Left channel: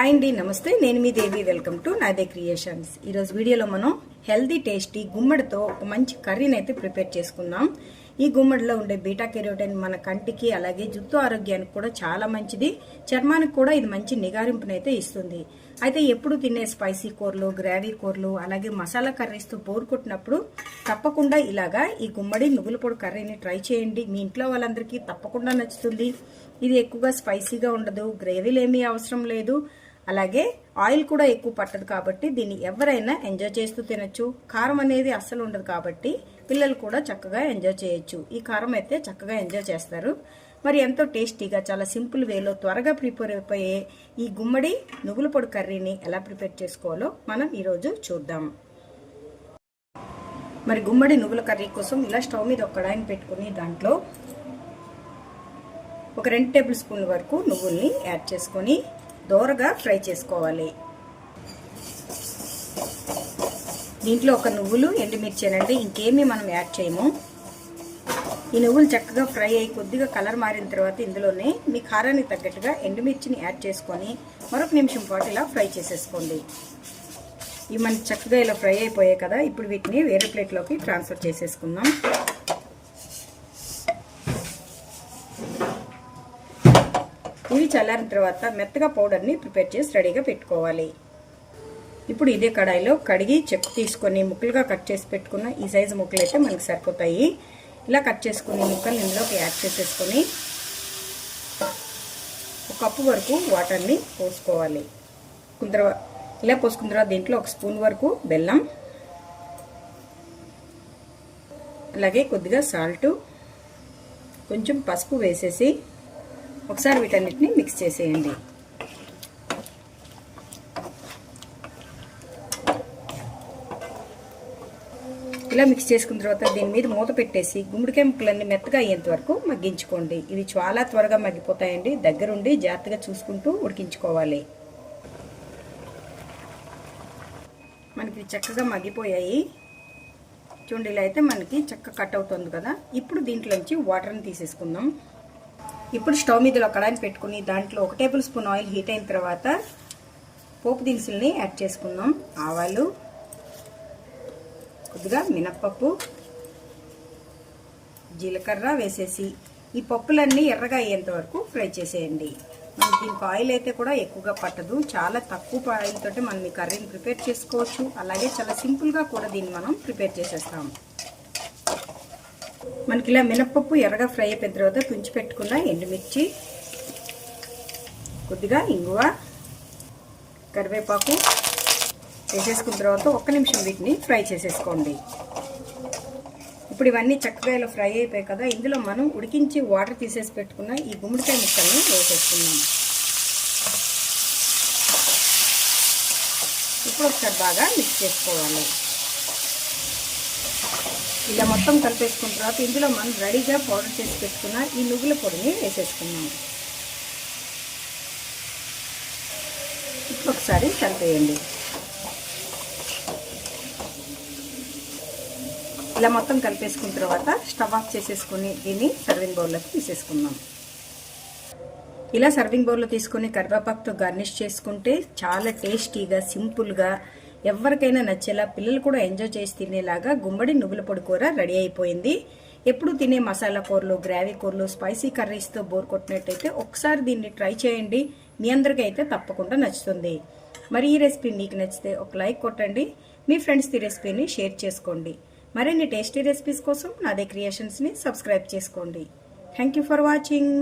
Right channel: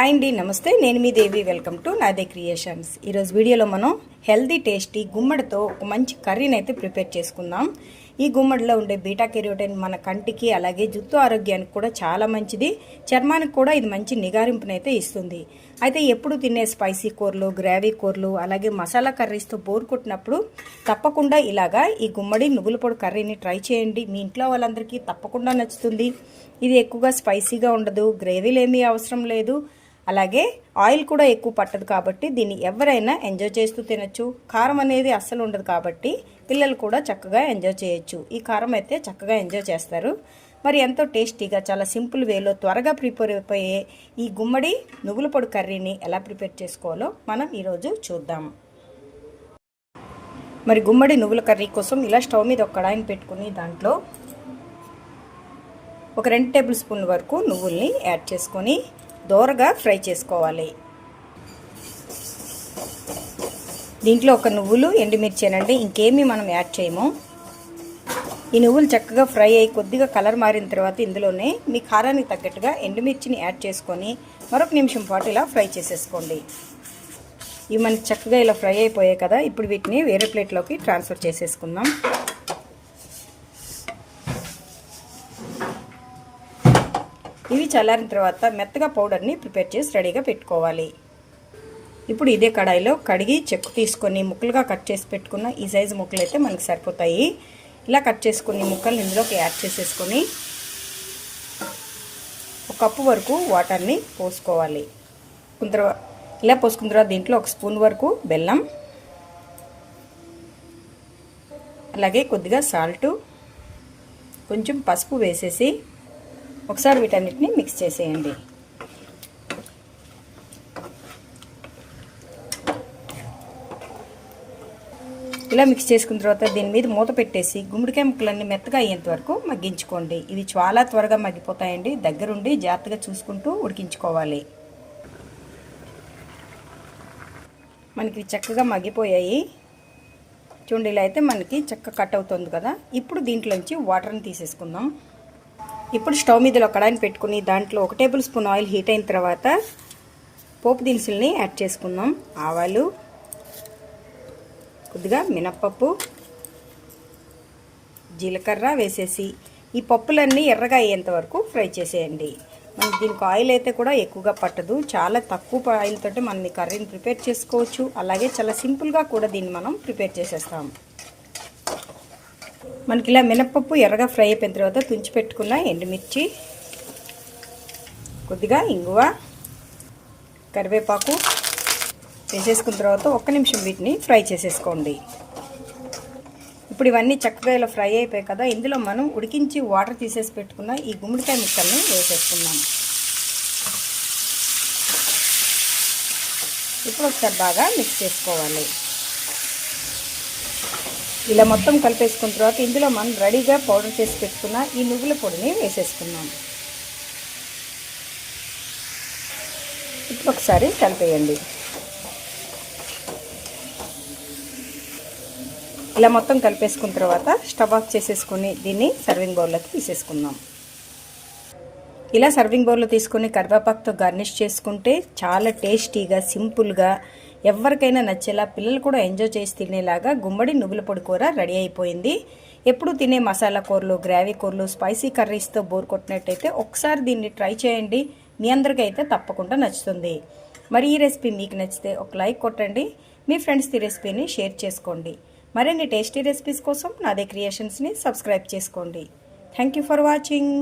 Hi అండి నమస్తే. నేను మీ Devi. Welcome to Nade Creations ఈరోజు వీడియోలో మనం హెల్దీ టేస్టీ గుమ్మడితో ఒక మంచి కర్రీని అయితే ప్రిపేర్ చేసుకుందాం. ఈ గుమ్మడిలో ఉండే బీటా కెరోటిన్ మన కంటికి అలాగే జుట్టు ఆరోగ్యానికి కూడా చాలా మంచిది. చర్మానికి కూడా ఇది మంచి నిగారింపునైతే ఇస్తుంది. అయితే ఎప్పుడు తినే స్పైసీ కూరలు గ్రావీ కూరలు అలాగే మసాలా కర్రీస్తో బోర్ కొట్టినప్పుడు తప్పకుండా ఇలాగా ఈ గుమ్మడి నువ్వుల పొడి కర్రీని ట్రై చేయండి. మీ ఇంట్లో వాళ్ళందరికీ తప్పకుండా నచ్చుతుంది. ఇది ఎక్కువగా స్పైసీగా ఉండదు. గ్రేవీలు ఏమీ అవసరం లేదు. అలాగే ఆయిల్ కూడా ఎక్కువ పట్టదు కాబట్టి దీన్ని ఎవరైనా ఎంజాయ్ చేస్తూ తినొచ్చు. కారం అనేది అస్సలు ఉండదు కాబట్టి పిల్లలు కూడా చక్కగా ఎంజాయ్ చేయొచ్చు. ఈ కారం అయితే చక్కగా ఎంజాయ్ చేస్తారు. మరి ఎంతో టేస్టీగా చాలా సింపుల్ వేలో త్వరగా ప్రిపేర్ అయిపోయే ఈ గుమ్మడి నువ్వుల పొడి కర్రీని ఎలా ప్రిపేర్ చేసుకోవాలో మనం ఈరోజు చూద్దాం. మరి గుమ్మడి నువ్వుల కర్రీ కోసం ఇలా స్టవ్ మీద ఒక కడాయిని పెట్టుకుని దాంట్లో ఒక రెండు టేబుల్ స్పూన్ల వరకు నువ్వుల్ని యాడ్ చేసుకొని దోరగా ఫ్రై చేసుకోవాలి. దీంట్లో ఒక నువ్వులు ఎండుమిర్చేనండి. ఇంకేమీ మనం యాడ్ చేయము. ఈ నువ్వులు చక్కగా ఫ్రై అయ్యి కొద్దిగా కలర్ మారిన తర్వాత ఇందులోనే మీ కారానికి తగ్గట్టుగా ఎండుమిర్చిని యాడ్ చేసుకొని మరొక నిమిషం పాటు ఇలా ఫ్రై చేసేసుకోండి. ఇవి మనకి చక్కగా ఇలా ఫ్రై అయిపోయాయి కదా. ఇప్పుడు వీటిని వేరే ప్లేట్లోకి ట్రాన్స్ఫర్ చేసేసుకుందాం. ఇవి చల్లారిన తర్వాత మెత్తగా పౌడర్ని ప్రిపేర్ చేసి రెడీగా పెట్టుకోవాలి. ఇప్పుడు ఇదే కడాయిలో కడిగి చెక్కు తీసుకొని ముక్కలుగా కట్ చేసి పెట్టుకున్న ఈ సైజు ముక్కలు అయితే మనకి సరిపోతాయి. ఇలా కట్ చేసుకుని ముక్కలు ఇందులోకి యాడ్ చేసేసుకొని ఒక కప్పు వరకు వాటర్ని పోసుకోవాలి. తర్వాత ఇలా పోసుకున్న తర్వాత దీంట్లో ఒక స్పూన్ వరకు బెల్లం అలాగే కొద్దిగా సాల్టు కొంచెం పసుపు వేసేసి ఒకసారి వీటన్నిటిని మిక్స్ చేసేయండి. ఇలా మిక్స్ చేసుకున్న తర్వాత దీని మీద మూత పెట్టేసి గుమ్మడికాయ ముక్కలన్నీ మెత్తగా అయ్యేంత వరకు మగ్గించుకోండి. ఇవి చాలా త్వరగా మగ్గిపోతాయండి. దగ్గరుండి జాగ్రత్తగా చూసుకుంటూ ఉడికించుకోవాలి. మనకి చక్కగా మగ్గిపోయాయి. చూడండి ఇలా అయితే మనకి చక్క కట్ అవుతుంది కదా. ఇప్పుడు దీంట్లోంచి వాటర్ని తీసేసుకుందాం. ఇప్పుడు స్టవ్ మీదలో కడాయిని పెట్టుకుని దాంట్లో ఒక టేబుల్ స్పూన్ ఆయిల్ హీట్ అయిన తర్వాత పోపు దినుసుల్ని యాడ్ చేసుకుందాం. ఆవాలు కొద్దిగా మినప్పప్పు జీలకర్ర వేసేసి ఈ పప్పులన్నీ ఎర్రగా అయ్యేంత వరకు ఫ్రై చేసేయండి. మనకి దీనికి ఆయిల్ అయితే కూడా ఎక్కువగా పట్టదు. చాలా తక్కువ ఆయిల్ తోటి మనం ఈ కర్రీని ప్రిపేర్ చేసుకోవచ్చు. అలాగే చాలా సింపుల్గా కూడా దీన్ని మనం ప్రిపేర్ చేసేస్తాము మనకి ఇలా మినప్పప్పు ఎర్రగా ఫ్రై అయిపోయిన తర్వాత తుంచి పెట్టుకున్న ఎండుమిర్చి కొద్దిగా ఇంగువ కరివేపాకు వేసేసుకున్న తర్వాత ఒక్క నిమిషం వీటిని ఫ్రై చేసేసుకోండి. ఇప్పుడు ఇవన్నీ చక్కగా ఇలా ఫ్రై అయిపోయాయి కదా ఇందులో మనం ఉడికించి వాటర్ తీసేసి పెట్టుకున్న ఈ గుమ్మడికాయ ముక్కల్ని వేసేసుకున్నాము ఇప్పుడు ఒకసారి బాగా మిక్స్ చేసుకోవాలి. ఇలా మొత్తం కలిపేసుకున్న తర్వాత ఇందులో మనం రెడీగా పౌడర్ చేసి పెట్టుకున్న ఈ నువ్వుల పొడిని వేసేసుకున్నాం ఒకసారి కలిపేయండి. ఇలా మొత్తం కలిపేసుకున్న తర్వాత స్టవ్ ఆఫ్ చేసేసుకుని దీన్ని సర్వింగ్ బౌల్లోకి తీసేసుకుందాం. ఇలా సర్వింగ్ బౌల్లో తీసుకుని కరివేపాకుతో గార్నిష్ చేసుకుంటే చాలా టేస్టీగా సింపుల్గా ఎవరికైనా నచ్చేలా పిల్లలు కూడా ఎంజాయ్ చేసి తినేలాగా గుమ్మడి నువ్వుల పొడి కూర రెడీ అయిపోయింది. ఎప్పుడు తినే మసాలా కూరలు గ్రావీ కూరలు స్పైసీ కర్రీస్తో బోర్ కొట్టినట్టయితే ఒకసారి దీన్ని ట్రై చేయండి. మీ అందరికైతే అయితే తప్పకుండా నచ్చుతుంది. మరి ఈ రెసిపీ మీకు నచ్చితే ఒక లైక్ కొట్టండి. మీ ఫ్రెండ్స్ ఈ రెసిపీని షేర్ చేసుకోండి. మరిన్ని టేస్టీ రెసిపీస్ కోసం నాదే క్రియేషన్స్ని సబ్స్క్రైబ్ చేసుకోండి. Thank you for watching.